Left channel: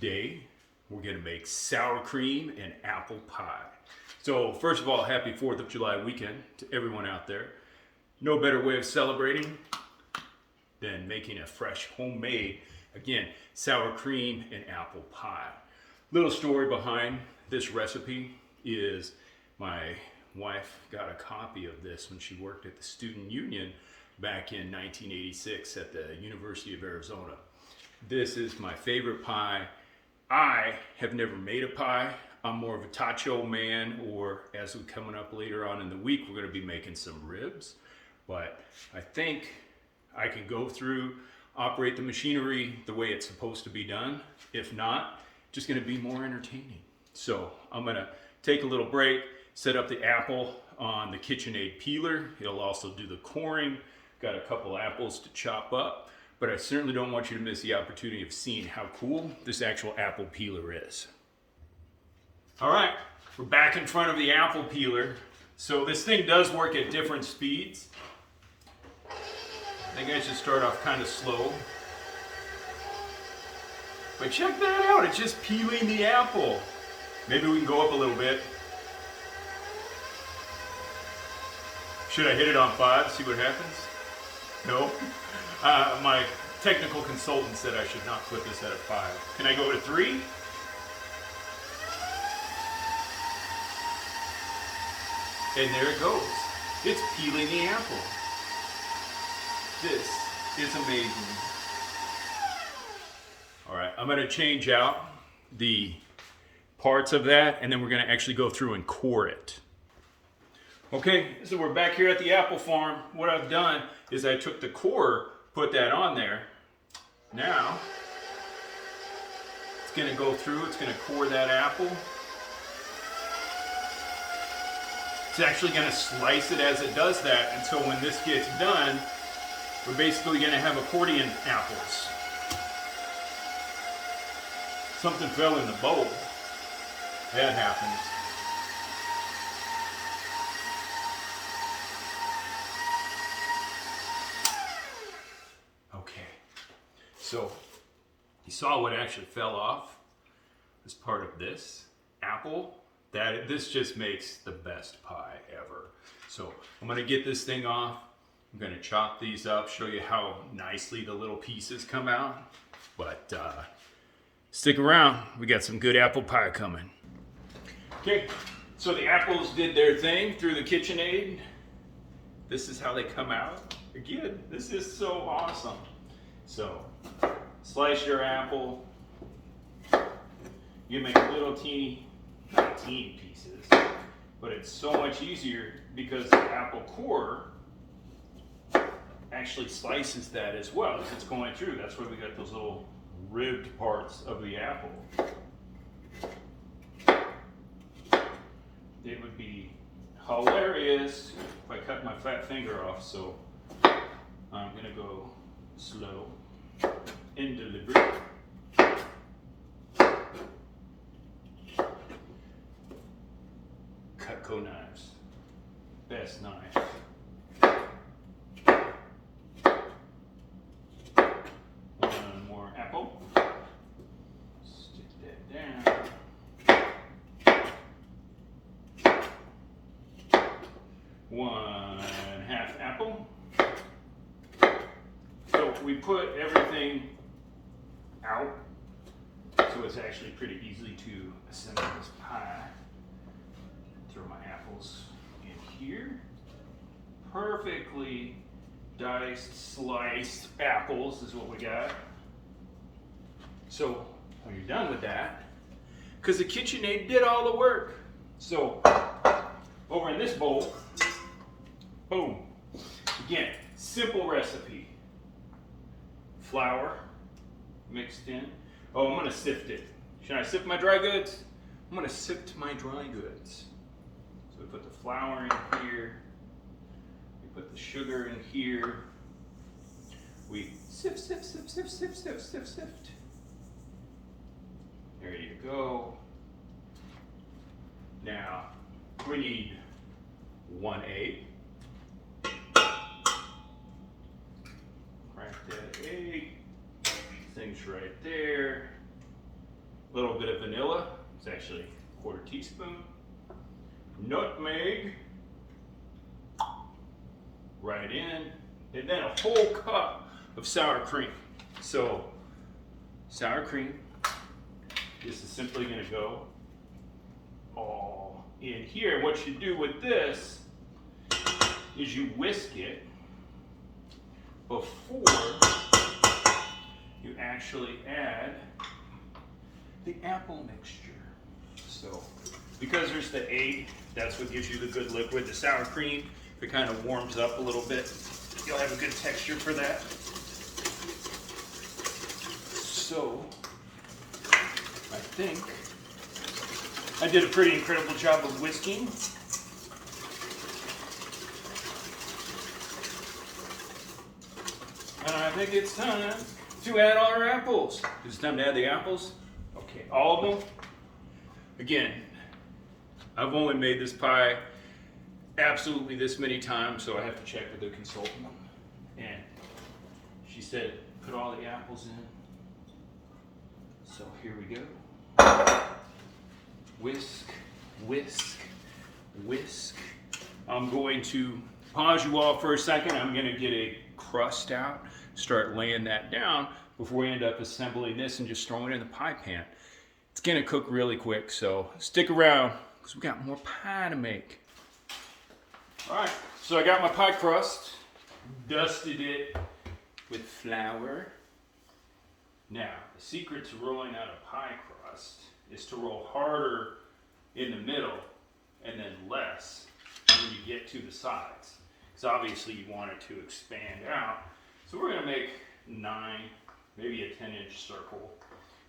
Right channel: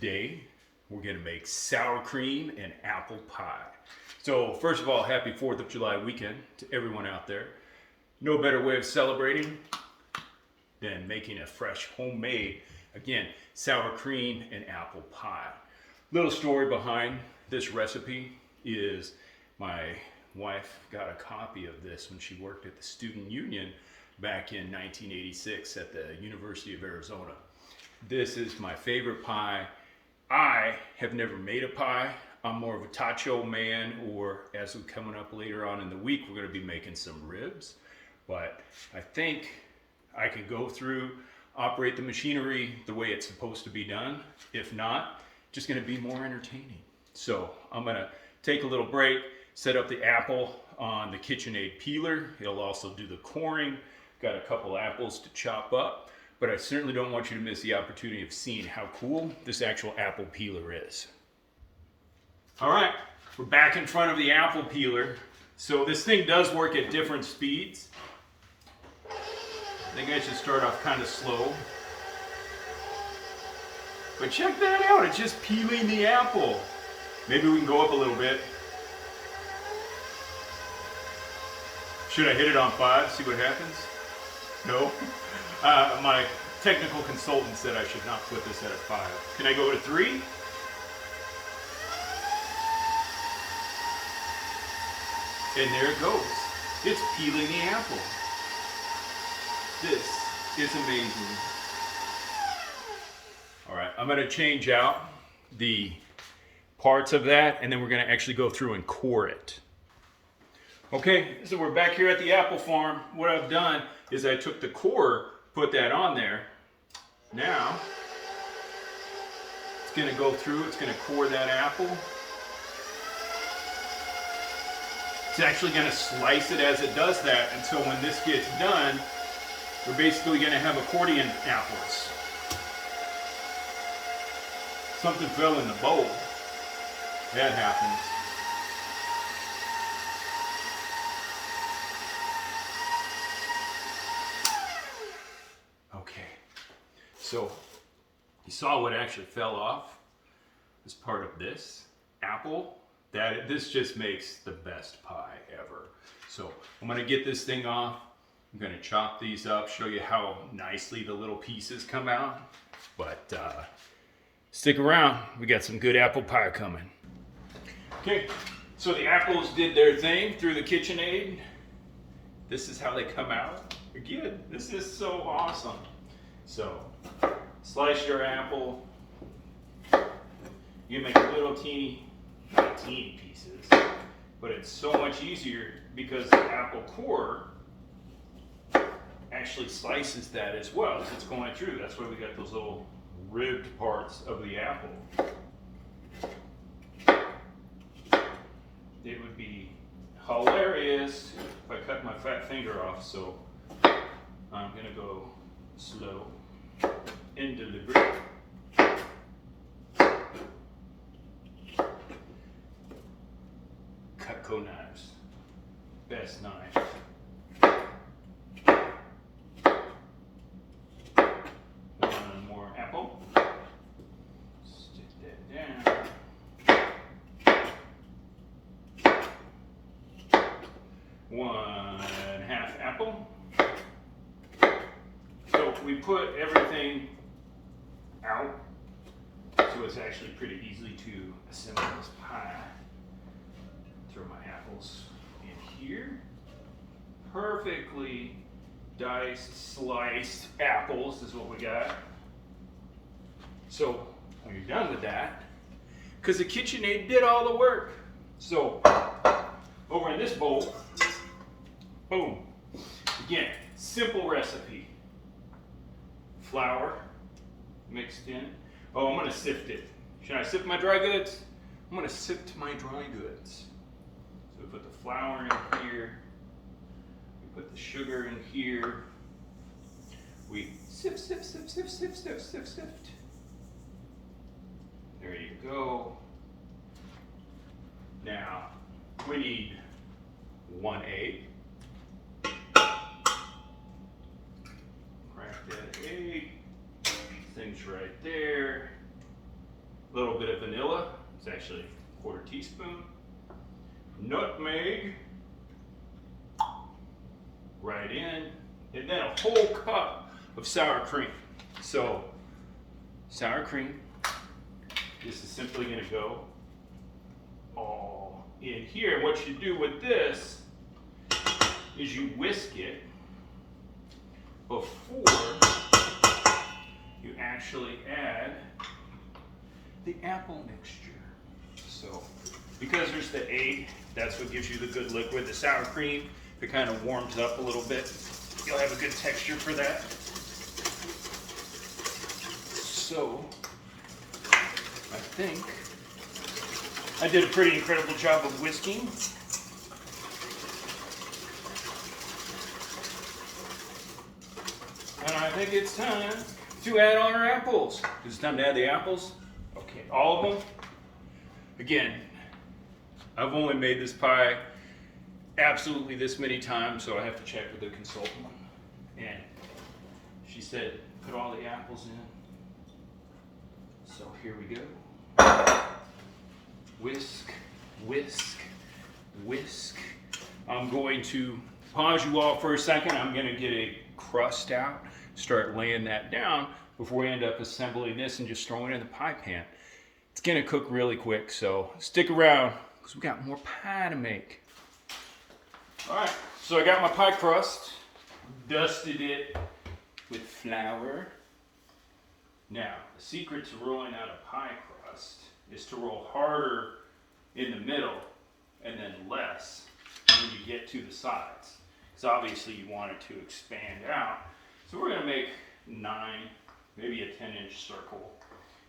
Today, we're gonna make sour cream and apple pie. So first of all, happy 4th of July weekend to everyone out there. No better way of celebrating than making a fresh homemade, again, sour cream and apple pie. Little story behind this recipe is my wife got a copy of this when she worked at the Student Union back in 1986 at the University of Arizona. This is my favorite pie. I have never made a pie. I'm more of a tacho man, or as we're coming up later on in the week, we're going to be making some ribs. But I think I can go through, operate the machinery the way it's supposed to be done. If not, just going to be more entertaining. So I'm going to take a little break, set up the apple on the KitchenAid peeler. It'll also do the coring. Got a couple apples to chop up, but I certainly don't want you to miss the opportunity of seeing how cool this actual apple peeler is. All right, we're back in front of the apple peeler. So this thing does work at different speeds. I think I should start off kind of slow. But check that out, it's just peeling the apple. Maybe we can go up a little bit. Should I hit it on 5, see what happens? No? My technical consultant said I should not put this at a 5. Can I go to 3? And there it goes. It's peeling the apple. This is amazing. All right, I'm gonna change out the parts of that, and then we're gonna actually go through and core it. Okay, so we're back here at the apple farm. What I've done is I took the core, put that on there. Now, it's gonna go through, it's gonna core that apple. It's actually gonna slice it as it does that until when this gets done, we're basically gonna have accordion apples. Something fell in the bowl. That happens. Okay, so you saw what actually fell off as part of this apple. This just makes the best pie ever. So I'm gonna get this thing off. I'm gonna chop these up, show you how nicely the little pieces come out. But stick around, we got some good apple pie coming. Okay, so the apples did their thing through the KitchenAid. This is how they come out. Again, this is so awesome. So, slice your apple. You make little teeny, not teeny pieces, but it's so much easier because the apple core actually slices that as well as it's going through. That's why we got those little ribbed parts of the apple. It would be hilarious if I cut my fat finger off, so I'm gonna go slow and deliberate. Cutco knives, best knife. One more apple. Stick that down. One half apple. So we put everything out, so it's actually pretty easy to assemble this pie. Throw my apples in here. Perfectly diced, sliced apples is what we got. So when you're done with that, because the KitchenAid did all the work. So over in this bowl, boom. Again, simple recipe. Flour mixed in. Oh, I'm gonna sift it. Should I sift my dry goods? I'm gonna sift my dry goods. So we put the flour in here. We put the sugar in here. We sift, sift, sift, sift, sift, sift, sift, sift. There you go. Now, we need 1 egg. Crack that egg. Things right there. A little bit of vanilla, it's actually a quarter teaspoon. Nutmeg, right in, and then a whole cup of sour cream. So, sour cream, this is simply gonna go all in here. What you do with this is you whisk it before you actually add the apple mixture. So, because there's the egg, that's what gives you the good liquid. The sour cream, if it kind of warms up a little bit, you'll have a good texture for that. So, I think I did a pretty incredible job of whisking. And I think it's time to add our apples. Is it time to add the apples? Okay, all of them. Again, I've only made this pie absolutely this many times, so I have to check with the consultant. And she said, put all the apples in. So here we go. Whisk, whisk, whisk. I'm going to pause you all for a second. I'm going to get a crust out, start laying that down before we end up assembling this and just throwing it in the pie pan. It's going to cook really quick, so stick around because we got more pie to make. All right, so I got my pie crust, dusted it with flour. Now, the secret to rolling out a pie crust is to roll harder in the middle and then less when you get to the sides. Because obviously you want it to expand out. So we're going to make 9, maybe a 10-inch circle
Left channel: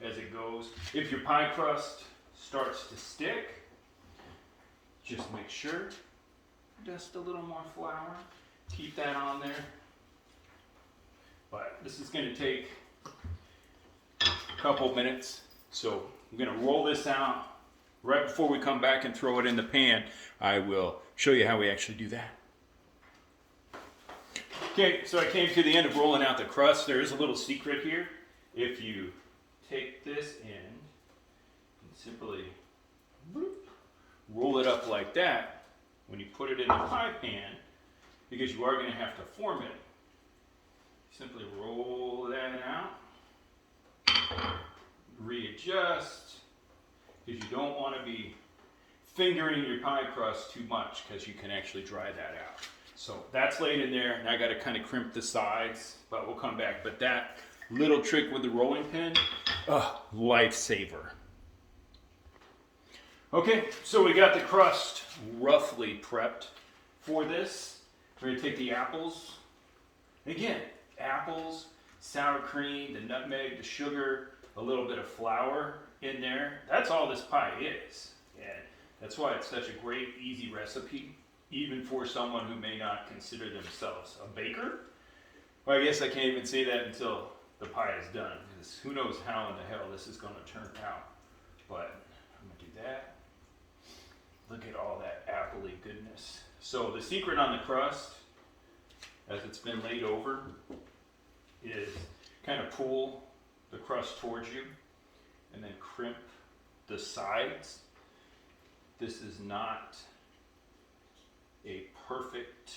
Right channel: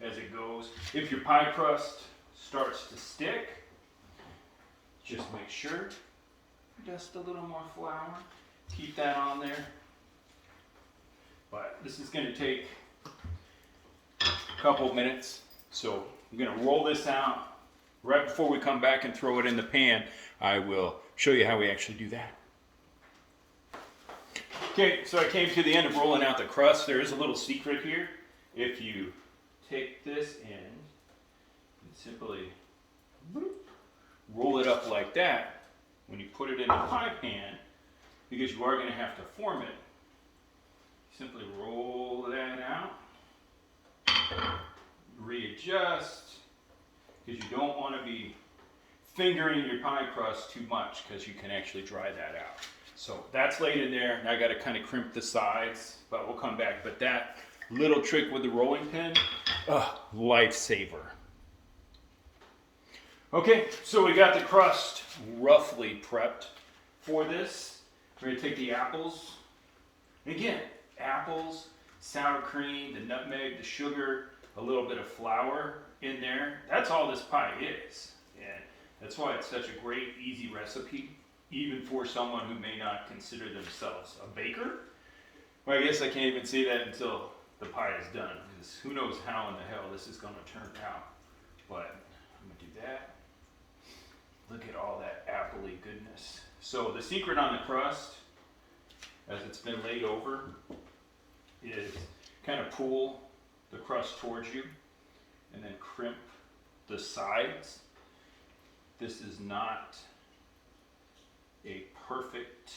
as it goes. If your pie crust starts to stick, just make sure, dust a little more flour, keep that on there. But this is going to take a couple minutes, so I'm going to roll this out. Right before we come back and throw it in the pan, I will show you how we actually do that. Okay, so I came to the end of rolling out the crust. There is a little secret here. If you take this and simply roll it up like that, when you put it in the pie pan, because you are going to have to form it, simply roll that out, readjust, because you don't want to be fingering your pie crust too much because you can actually dry that out. So that's laid in there. Now I got to kind of crimp the sides, but we'll come back. But that little trick with the rolling pin, lifesaver. Okay, so we got the crust roughly prepped for this. We're going to take the apples. Again, apples, sour cream, the nutmeg, the sugar, a little bit of flour in there. That's all this pie is. And that's why it's such a great, easy recipe, even for someone who may not consider themselves a baker. Well, I guess I can't even say that until the pie is done, because who knows how in the hell this is going to turn out. But I'm going to do that. Look at all that appley goodness. So the secret on the crust, as it's been laid over, is kind of pull the crust towards you and then crimp the sides. This is not a perfect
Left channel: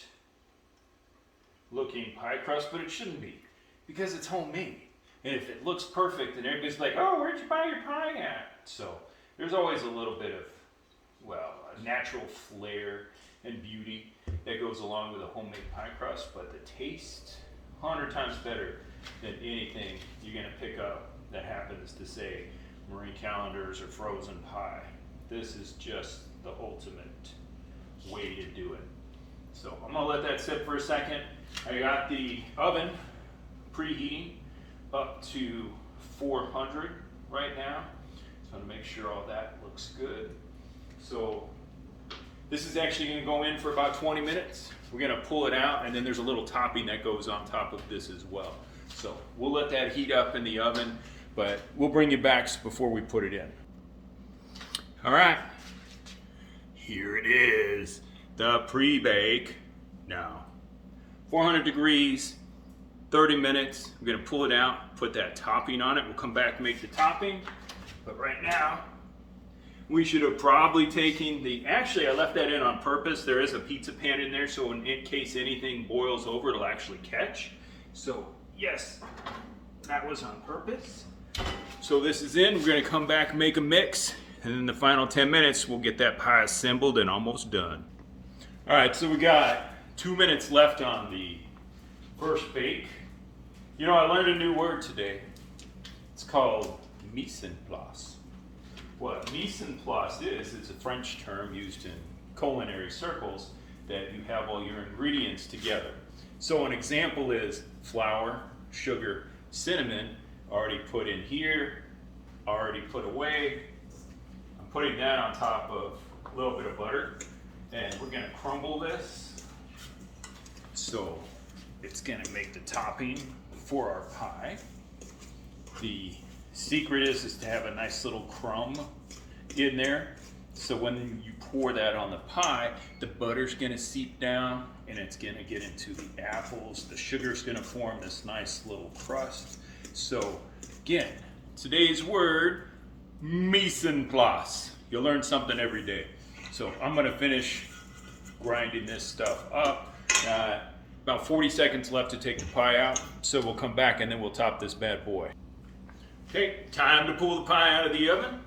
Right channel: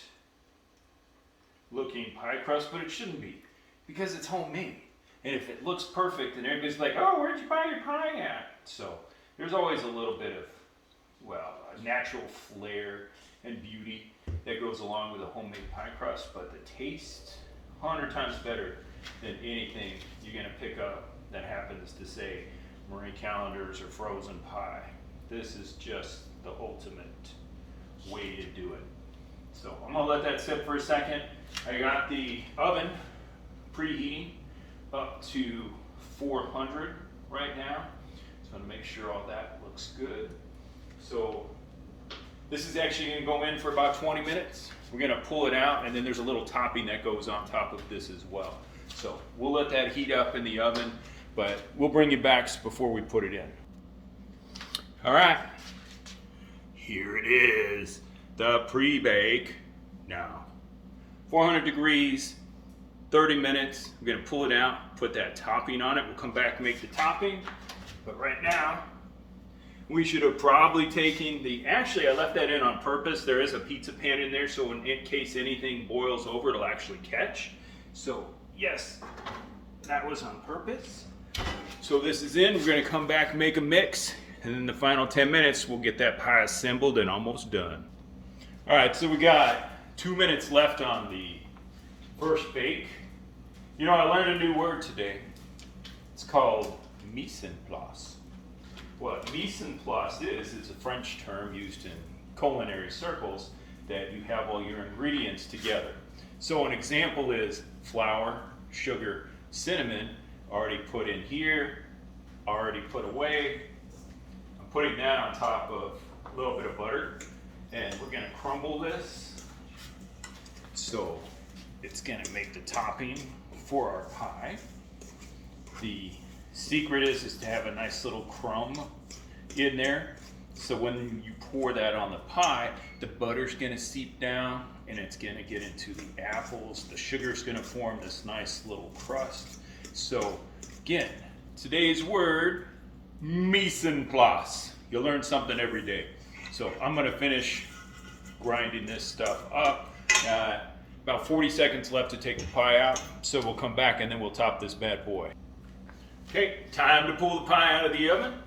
looking pie crust, but it shouldn't be, because it's homemade. And if it looks perfect, then everybody's like, oh, where'd you buy your pie at? So there's always a little bit of, well, a natural flair and beauty that goes along with a homemade pie crust, but the taste, 100 times better than anything you're gonna pick up that happens to say Marie Callender's or frozen pie. This is just the ultimate way to do it. So I'm gonna let that sit for a second. I got the oven preheating up to 400 right now. So I'm gonna make sure all that looks good. So this is actually gonna go in for about 20 minutes. We're gonna pull it out, and then there's a little topping that goes on top of this as well. So we'll let that heat up in the oven, but we'll bring you back before we put it in. All right, here it is, the pre-bake. Now, 400 degrees, 30 minutes. We're gonna pull it out, put that topping on it. We'll come back and make the topping. But right now, we should have probably taken the, actually I left that in on purpose. There is a pizza pan in there, so in case anything boils over, it'll actually catch. So yes, that was on purpose. So this is in, we're gonna come back and make a mix, and in the final 10 minutes, we'll get that pie assembled and almost done. All right, so we got 2 minutes left on the first bake. You know, I learned a new word today. It's called mise en place. What mise en place is, it's a French term used in culinary circles that you have all your ingredients together. So an example is flour, sugar, cinnamon, already put in here, already put away. I'm putting that on top of a little bit of butter, and we're gonna crumble this. So it's gonna make the topping for our pie. The secret is to have a nice little crumb in there. So when you pour that on the pie, the butter's gonna seep down and it's gonna get into the apples. The sugar's gonna form this nice little crust. So again, today's word, mise en place. You'll learn something every day. So I'm gonna finish grinding this stuff up. About 40 seconds left to take the pie out. So we'll come back and then we'll top this bad boy. Okay, time to pull the pie out of the oven.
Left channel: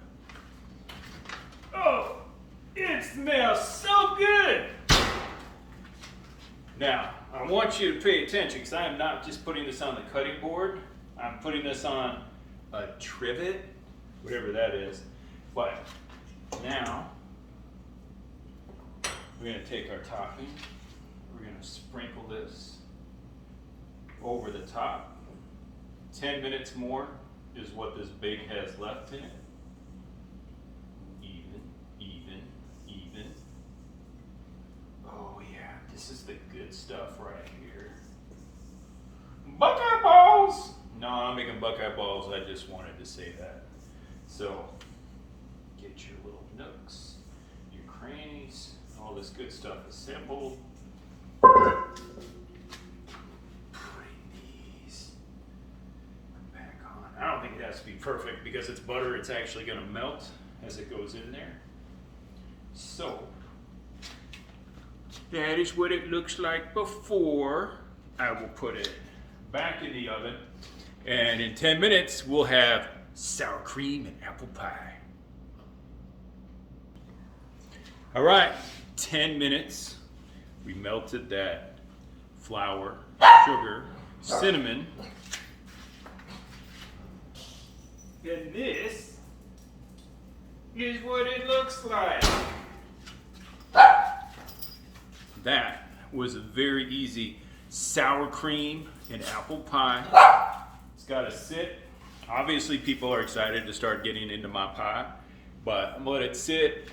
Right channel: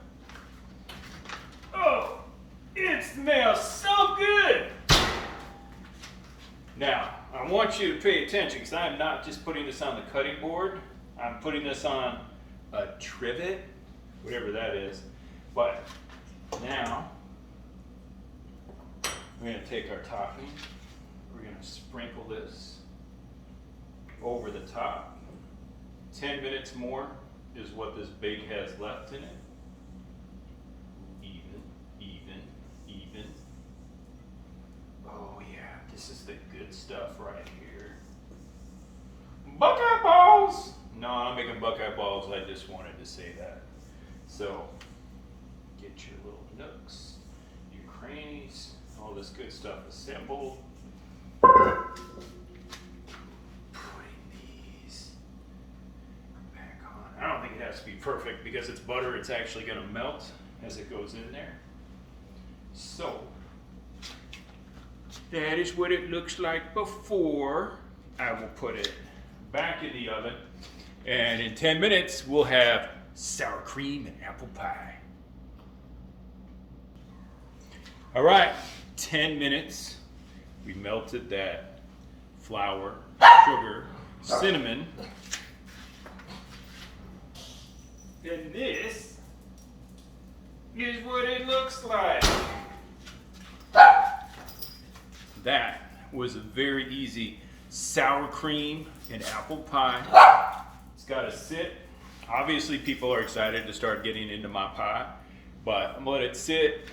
Oh, it smells so good. Now, I want you to pay attention because I am not just putting this on the cutting board. I'm putting this on a trivet, whatever that is. But now, we're going to take our topping. We're going to sprinkle this over the top. 10 minutes more is what this bake has left in it. Even. Oh yeah, this is the good stuff right here. Buckeye balls! No, I'm not making buckeye balls, I just wanted to say that. So, get your little nooks, your crannies, all this good stuff assembled. Putting these back on. I don't think it has to be perfect because it's butter, it's actually going to melt as it goes in there. So, that is what it looks like before. I will put it back in the oven, and in 10 minutes we'll have sour cream and apple pie. All right, 10 minutes. We melted that flour, sugar, cinnamon. And this is what it looks like. That was a very easy sour cream and apple pie. It's got to sit. Obviously, people are excited to start getting into my pie, but I'm gonna let it sit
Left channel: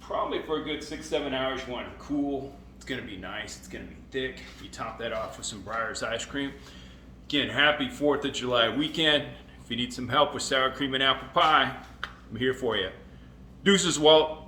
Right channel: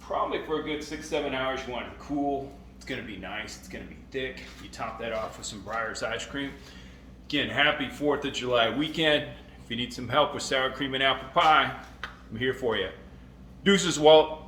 probably for a good 6-7 hours. You want it to cool. It's gonna be nice. It's gonna be thick. You top that off with some Breyers ice cream. Again, happy 4th of July weekend. If you need some help with sour cream and apple pie, I'm here for you. Deuces, Walt.